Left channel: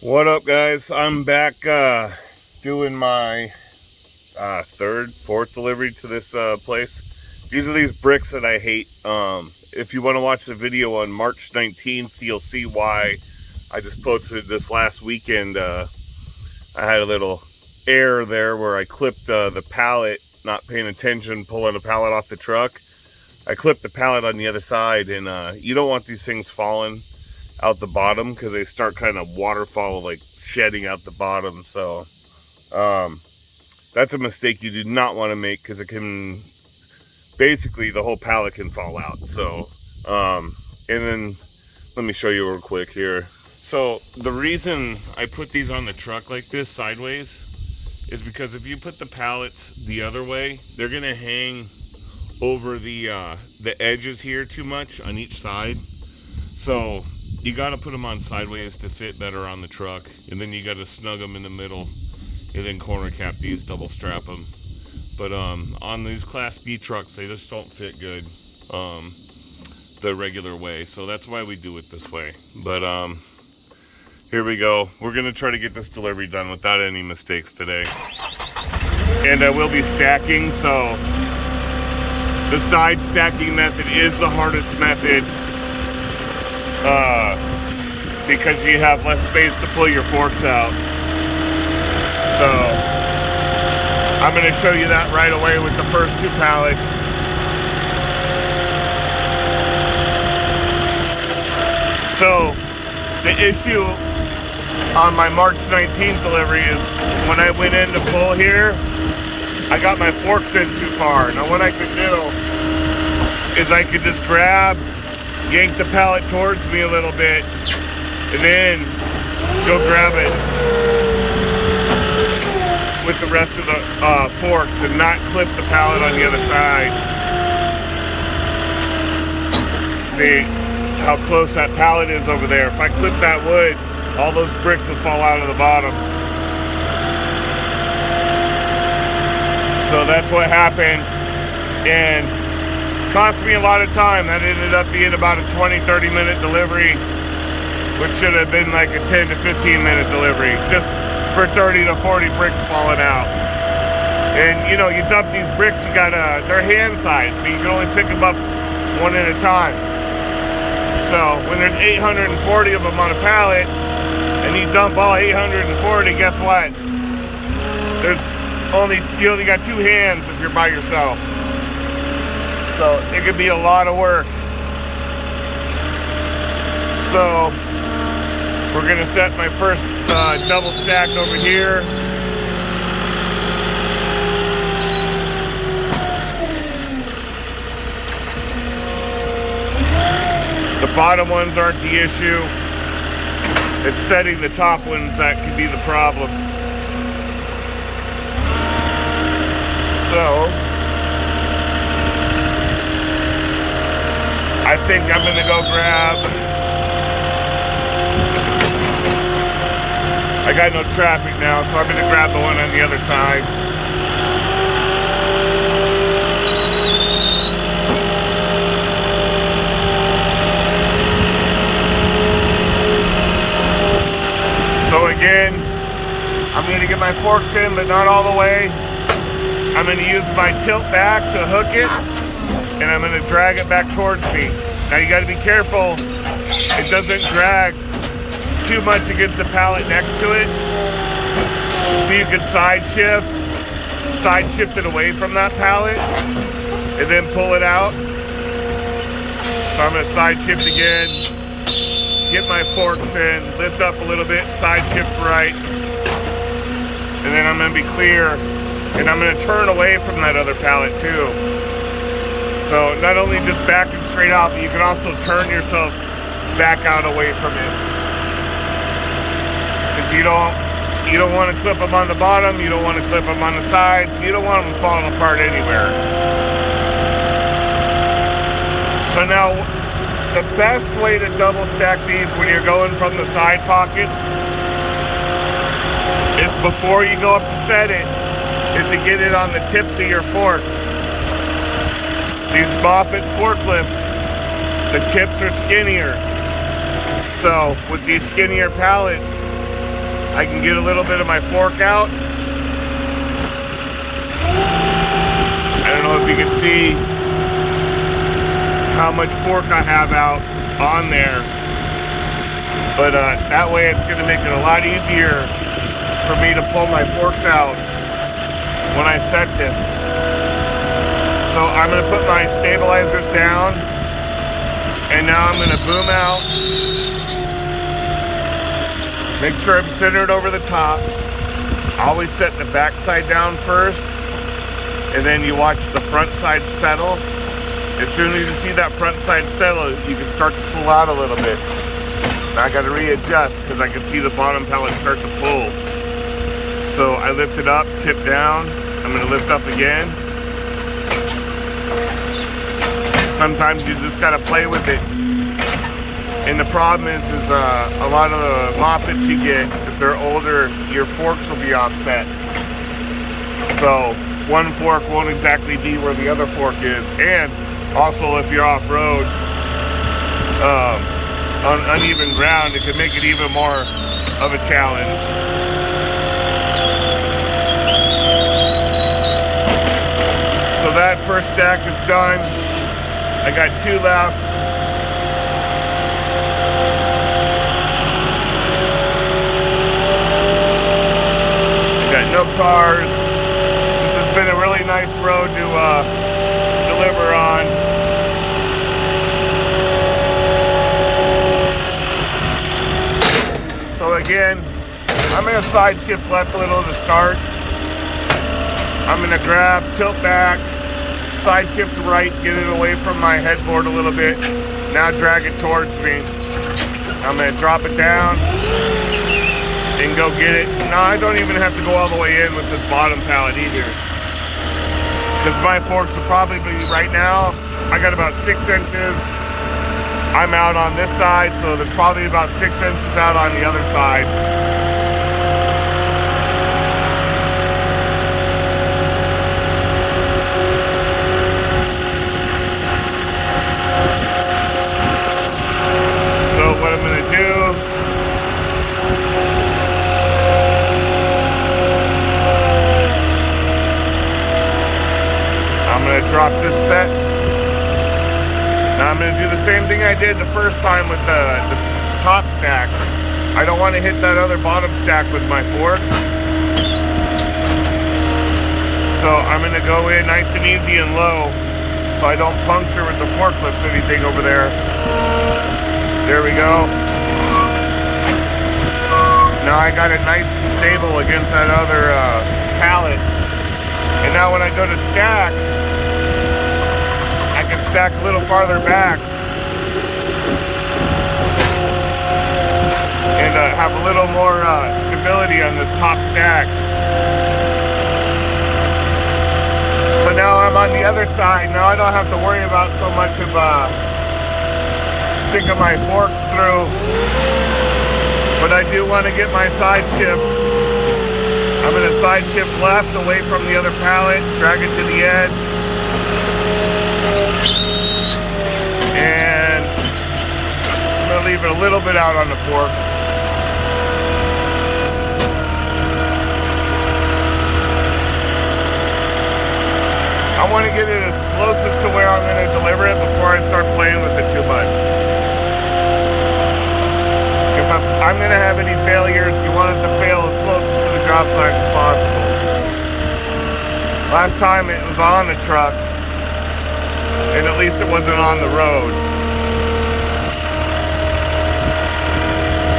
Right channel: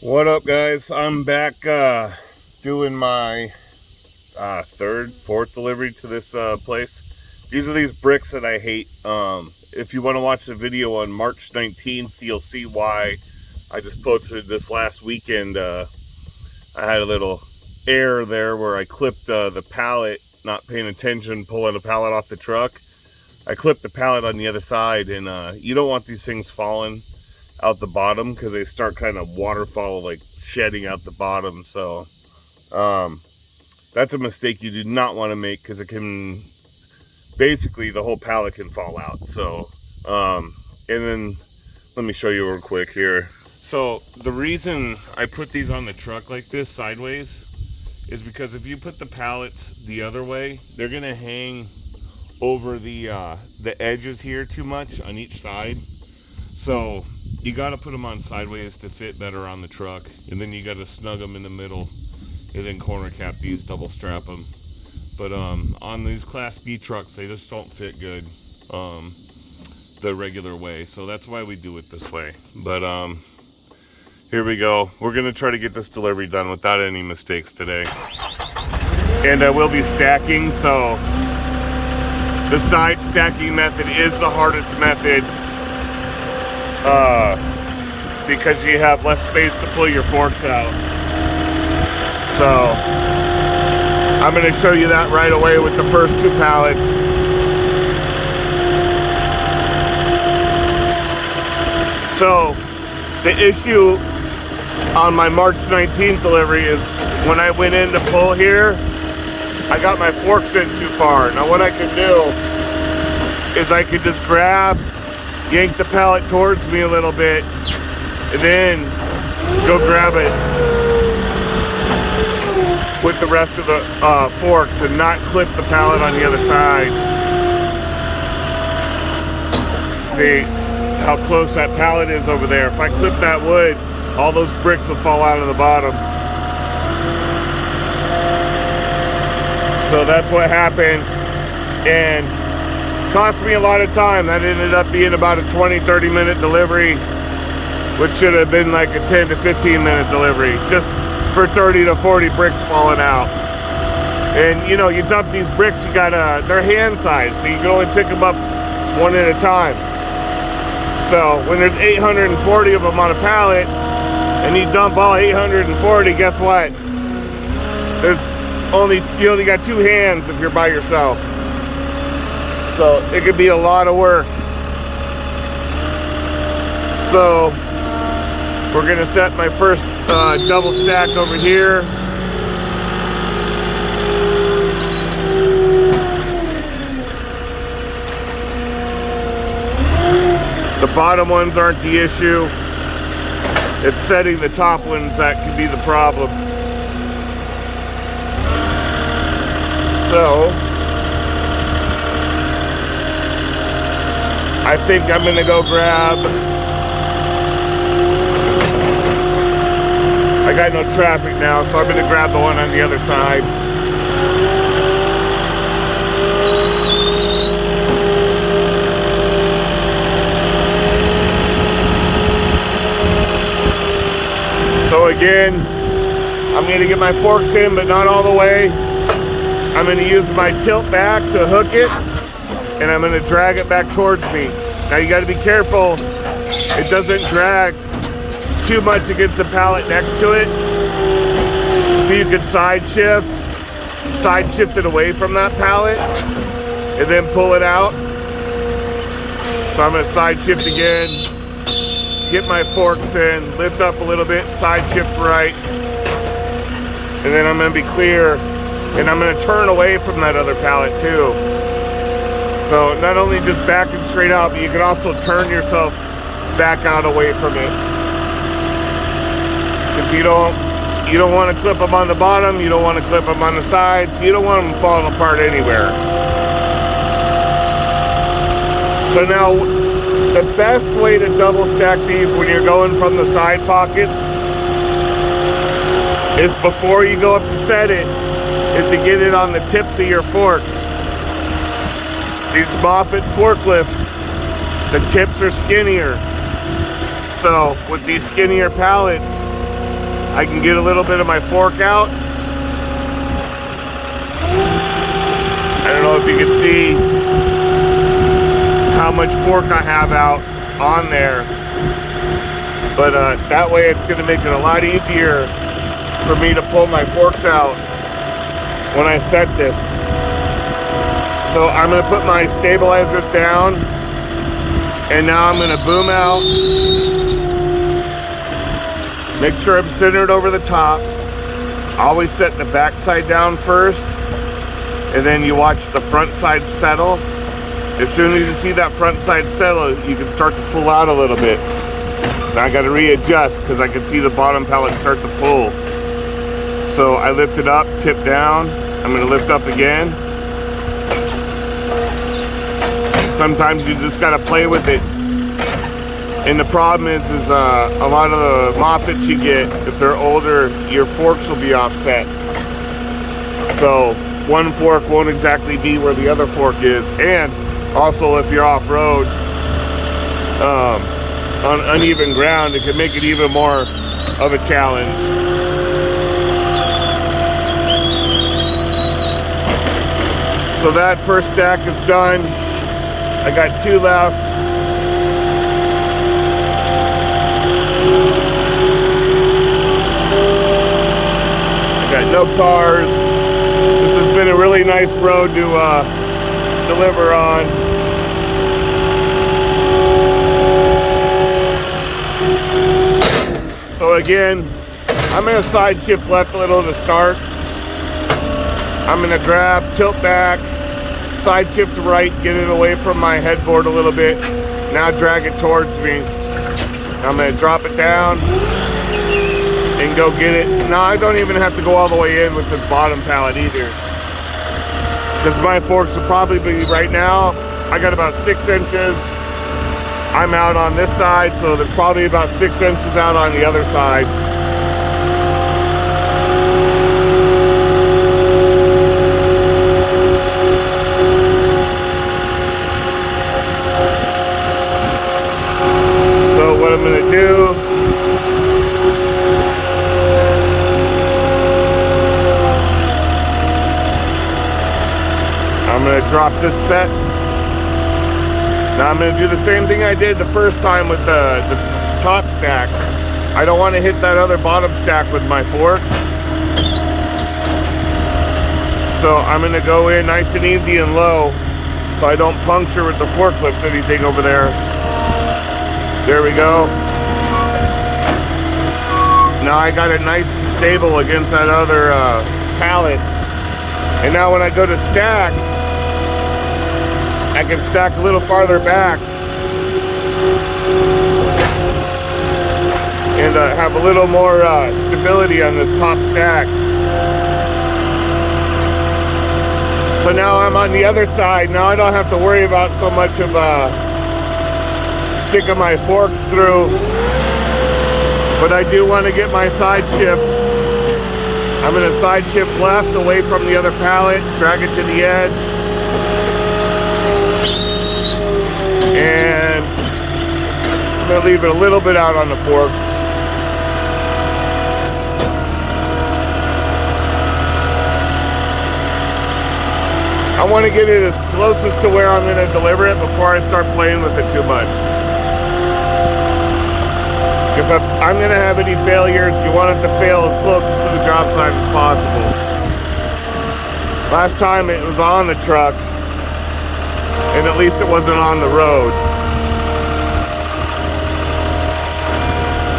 What up, guys? I'm back doing my fourth delivery to this place. These are these bricks that I hate. If you want to watch the video on March 19th, you'll see why. I just posted this last weekend. I had a little error there where I clipped the pallet, not paying attention, pulling the pallet off the truck. I clipped the pallet on the other side, and you don't want these things falling out the bottom because they start kind of waterfall, like shedding out the bottom. So that's a mistake you do not want to make, because it can basically, the whole pallet can fall out. So and then let me show you real quick here. So the reason I put these on the truck like this sideways is because if you put the pallets the other way, they're gonna hang over the edges here too much on each side. So you got to put them on sideways to fit better on the truck, and then you got to snug them in the middle, and then corner cap these, double strap them. But on these Class B trucks, they just don't fit good the regular way, so that's why we do it this way. But here we go. We're gonna try to get this delivery done without any mistakes today, and I will be stacking. So the side stacking method is the hardest method, because you have less space to pull your forks out. So I'm going to show you that right away with the first two pallets. So the issue on my March 19th delivery is when I went in to pull here, I got my forks in too far. Now what I can do is I could just yank the pallet towards me a little bit, and then go grab it with the rest of the forks and not clip the pallet on the other side. See how close that pallet is over there. If I clip that wood, all those bricks will fall out of the bottom. So that's what happened, and cost me a lot of time. That ended up being about a 20-30 minute delivery, which should have been like a 10 to 15 minute delivery, just for 30 to 40 bricks falling out. And you know, you dump these bricks, they're hand sized, so you can only pick them up one at a time. So when there's 840 of them on a pallet, and you dump all 840, guess what? You only got two hands if you're by yourself. So it could be a lot of work. So we're gonna set my first double stack over here. The bottom ones aren't the issue. It's setting the top ones that could be the problem. So I think I'm gonna go I got no traffic now, so I'm gonna grab the one on the other side. So again, I'm gonna get my forks in, but not all the way. I'm gonna use my tilt back to hook it, and I'm gonna drag it back towards me. Now you gotta be careful it doesn't drag too much against the pallet next to it. So you can side shift it away from that pallet, and then pull it out. So I'm gonna side shift again, get my forks in, lift up a little bit, side shift right, and then I'm gonna be clear. And I'm gonna turn away from that other pallet too. So not only just backing straight out, but you can also turn yourself back out away from it. Because you don't want to clip them on the bottom, you don't want to clip them on the sides, you don't want them falling apart anywhere. So now, the best way to double stack these when you're going from the side pockets is before you go up to set it, is to get it on the tips of your forks. These Moffett forklifts, the tips are skinnier. So with these skinnier pallets, I can get a little bit of my fork out. I don't know if you can see how much fork I have out on there, but that way it's going to make it a lot easier for me to pull my forks out when I set this. So I'm going to put my stabilizers down, and now I'm going to boom out. Make sure I'm centered over the top. Always set the back side down first, and then you watch the front side settle. As soon as you see that front side settle, you can start to pull out a little bit. Now I got to readjust because I can see the bottom pallet start to pull. So I lift it up, tip down. I'm going to lift up again. Sometimes you just got to play with it. And the problem is a lot of the Moffetts you get, if they're older, your forks will be offset. So one fork won't exactly be where the other fork is. And also, if you're off-road, on uneven ground, it can make it even more of a challenge. So that first stack is done. I got 2 left. Got no cars. This has been a really nice road to deliver on. So again, I'm going to side shift left a little to start. I'm going to grab, tilt back, side shift to right, get it away from my headboard a little bit. Now drag it towards me. I'm going to drop it down and go get it. No, I don't even have to go all the way in with this bottom pallet either. Because my forks will probably be, right now, I got about 6 inches. I'm out on this side, so there's probably about 6 inches out on the other side. So what I'm going to do, I'm going to drop this set. Now I'm going to do the same thing I did the first time with the top stack. I don't want to hit that other bottom stack with my forks. So I'm going to go in nice and easy and low so I don't puncture with the forklifts anything over there. There we go. Now I got it nice and stable against that other pallet. And now when I go to stack, I can stack a little farther back and have a little more stability on this top stack. So now I'm on the other side. Now I don't have to worry about so much of sticking my forks through. But I do want to get my side shift. I'm going to side shift left away from the other pallet, drag it to the edge. And I'm going to leave it a little bit out on the forks. I want to get it as closest to where I'm going to deliver it before I start playing with it too much. If I'm going to have any failures, you want it to fail as close to the job site as possible. Last time it was on the truck, and at least it wasn't on the road.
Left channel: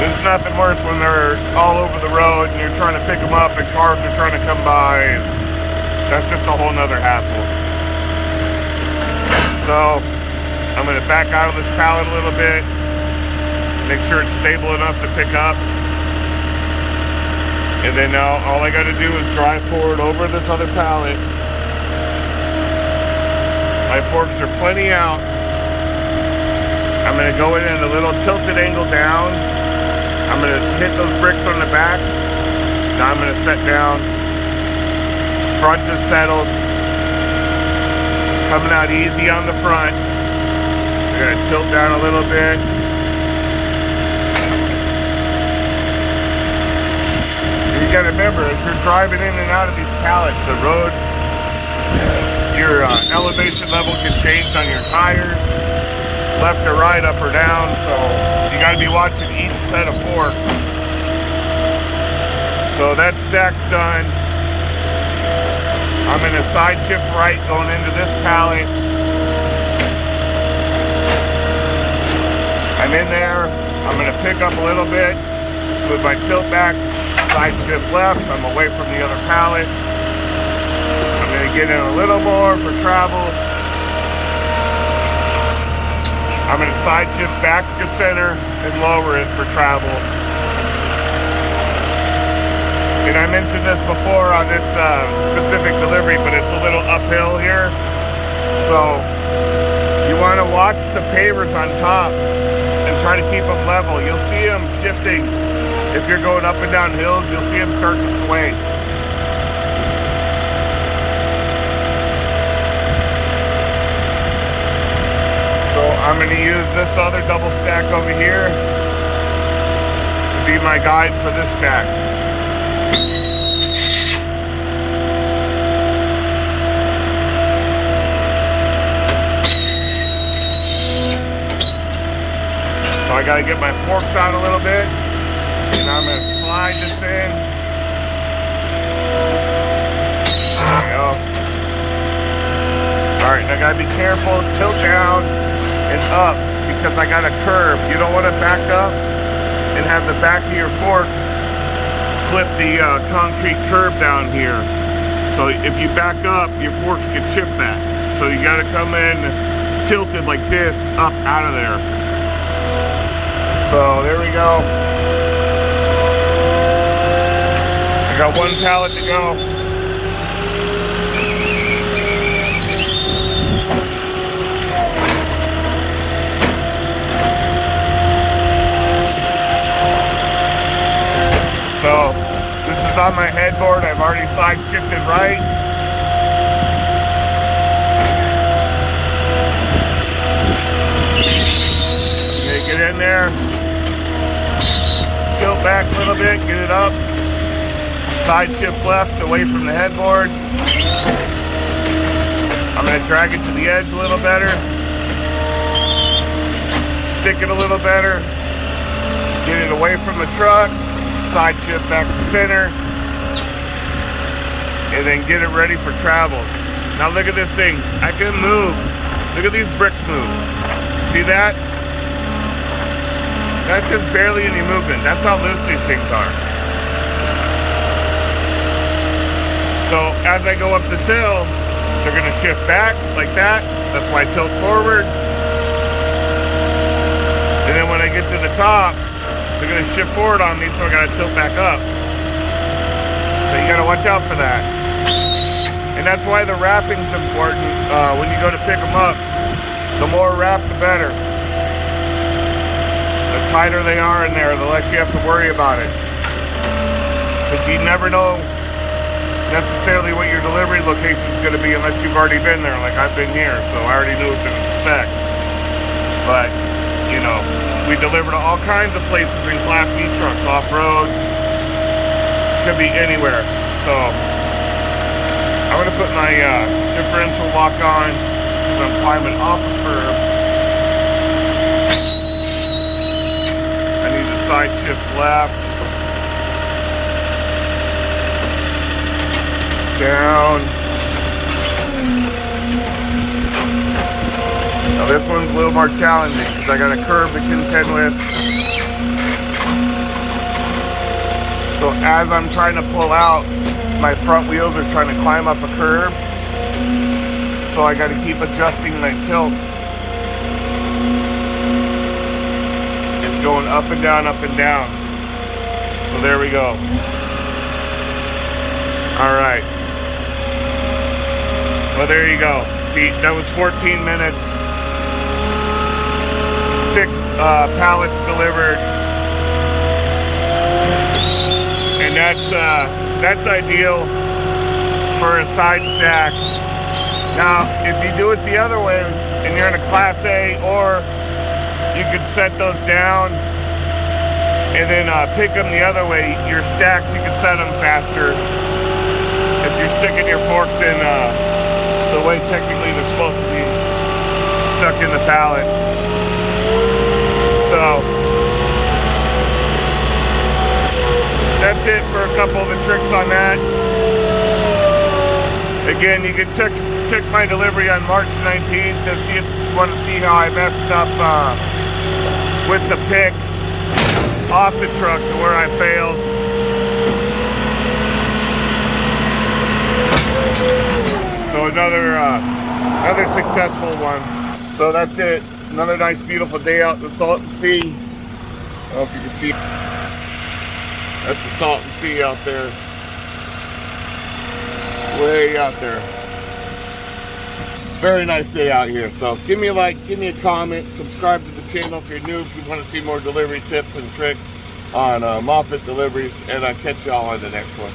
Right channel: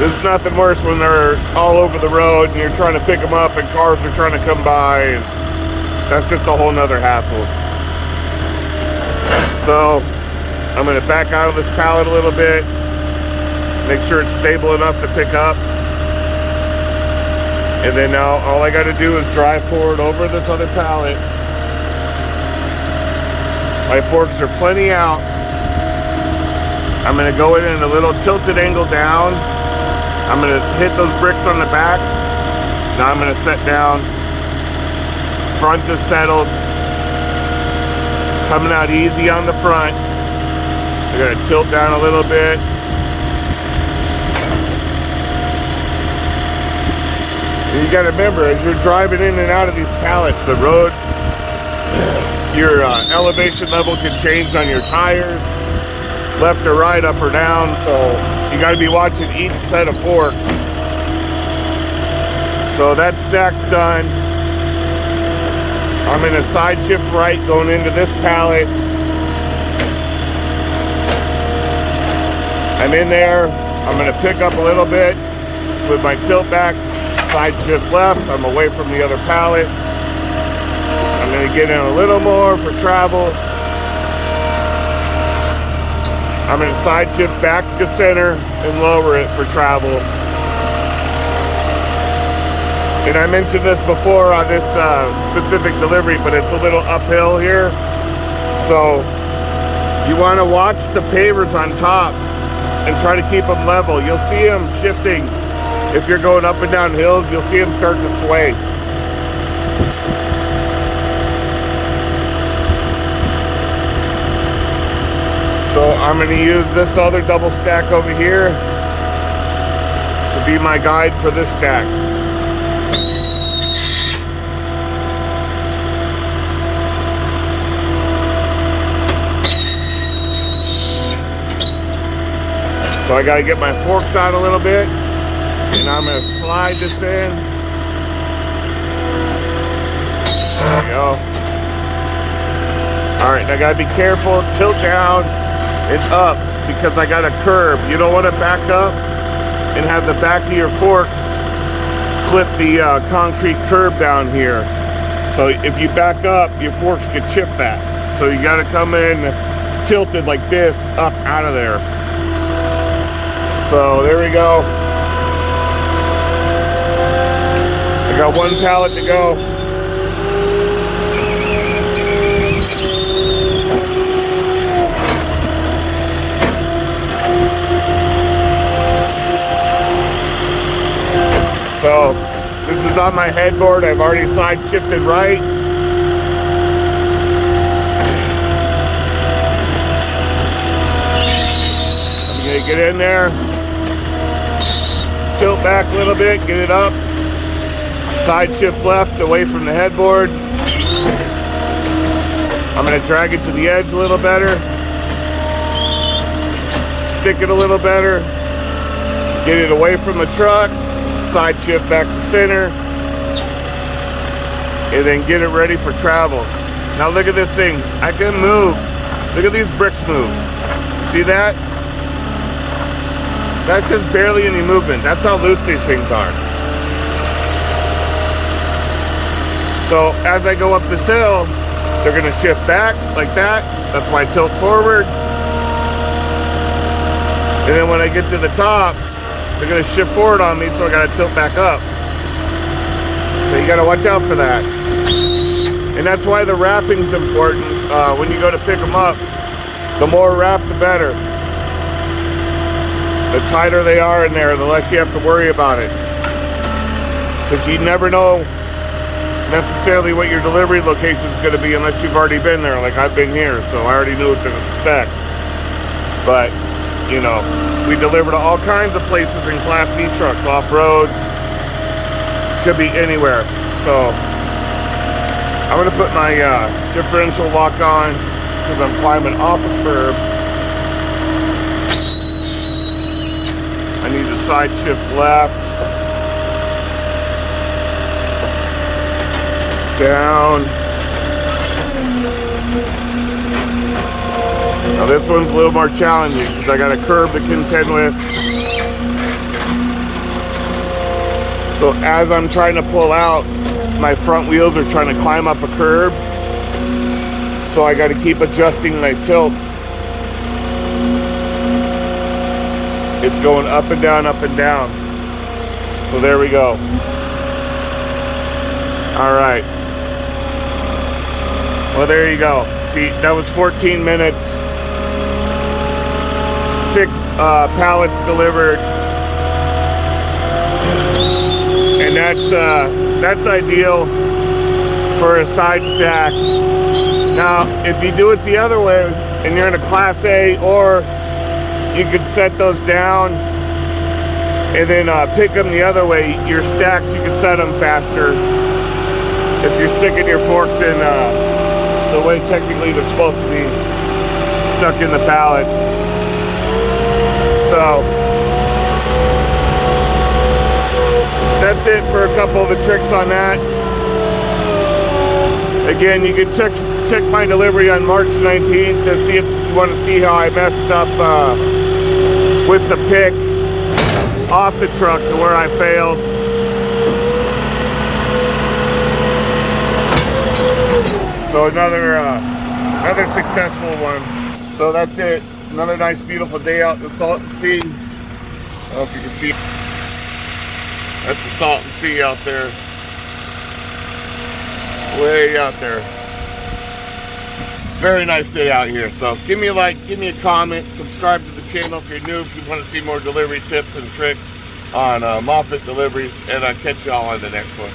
There's nothing worse when they're all over the road and you're trying to pick them up and cars are trying to come by, and that's just a whole nother hassle. So I'm going to back out of this pallet a little bit, make sure it's stable enough to pick up, and then now all I got to do is drive forward over this other pallet. My forks are plenty out. I'm going to go in a little tilted angle down. I'm going to hit those bricks on the back. Now I'm going to set down. Front is settled. Coming out easy on the front. We're going to tilt down a little bit. gotta remember, as you're driving in and out of these pallets, the road, your elevation level can change on your tires, left or right, up or down, so you gotta be watching each set of fork. So that stack's done. I'm in a side shift right going into this pallet. I'm in there. I'm gonna pick up a little bit with my tilt back. Side shift left. I'm away from the other pallet. I'm gonna get in a little more for travel. I'm gonna side shift back to center and lower it for travel. And I mentioned this before on this specific delivery, but it's a little uphill here. So you want to watch the pavers on top and try to keep them level. You'll see them shifting. If you're going up and down hills, you'll see them start to sway. So I'm going to use this other double stack over here to be my guide for this stack. So I got to get my forks out a little bit, and I'm going to slide this in. There we go. All right, I got to be careful, tilt down and up, because I got a curve. You don't want to back up and have the back of your forks clip the concrete curb down here. So if you back up, your forks could chip that. So you got to come in tilted like this, up out of there. So there we go. I got one pallet to go. So this is on my headboard. I've already side shifted right. I'm gonna get in there. Tilt back a little bit, get it up. Side shift left away from the headboard. I'm going to drag it to the edge a little better. Stick it a little better. Get it away from the truck. Side shift back to center. And then get it ready for travel. Now look at this thing. I can move. Look at these bricks move. See that? That's just barely any movement. That's how loose these things are. So as I go up this hill, they're going to shift back like that. That's why I tilt forward. And then when I get to the top, they're going to shift forward on me, so I got to tilt back up. So you got to watch out for that. And that's why the wrapping's important. When you go to pick them up, the more wrap, the better. The tighter they are in there, the less you have to worry about it. Because you never know necessarily what your delivery location is going to be unless you've already been there, like I've been here, so I already knew what to expect. But, you know, we deliver to all kinds of places in Class B trucks, off-road, could be anywhere. So, I'm going to put my differential lock on because I'm climbing off the curb. I need to side shift left, down. Now this one's a little more challenging because I got a curve to contend with. So as I'm trying to pull out, my front wheels are trying to climb up a curb. So I got to keep adjusting my tilt. It's going up and down, up and down. So there we go. All right. Well, there you go. See, that was 14 minutes. 6 pallets delivered. And that's ideal for a side stack. Now, if you do it the other way, and you're in a Class A, or you could set those down and then pick them the other way. Your stacks, you can set them faster if you're sticking your forks in the way technically they're supposed to be stuck in the pallets. So that's it for a couple of the tricks on that. Again, you can check my delivery on March 19th to see if you want to see how I messed up with the pick off the truck and where I failed. So another successful one. So that's it. Another nice, beautiful day out in the Salton Sea. I don't know if you can see. That's the Salton Sea out there. Way out there. Very nice day out here. So give me a like, give me a comment, subscribe to the channel if you're new, if you want to see more delivery tips and tricks on Moffett deliveries, and I'll catch y'all on the next one.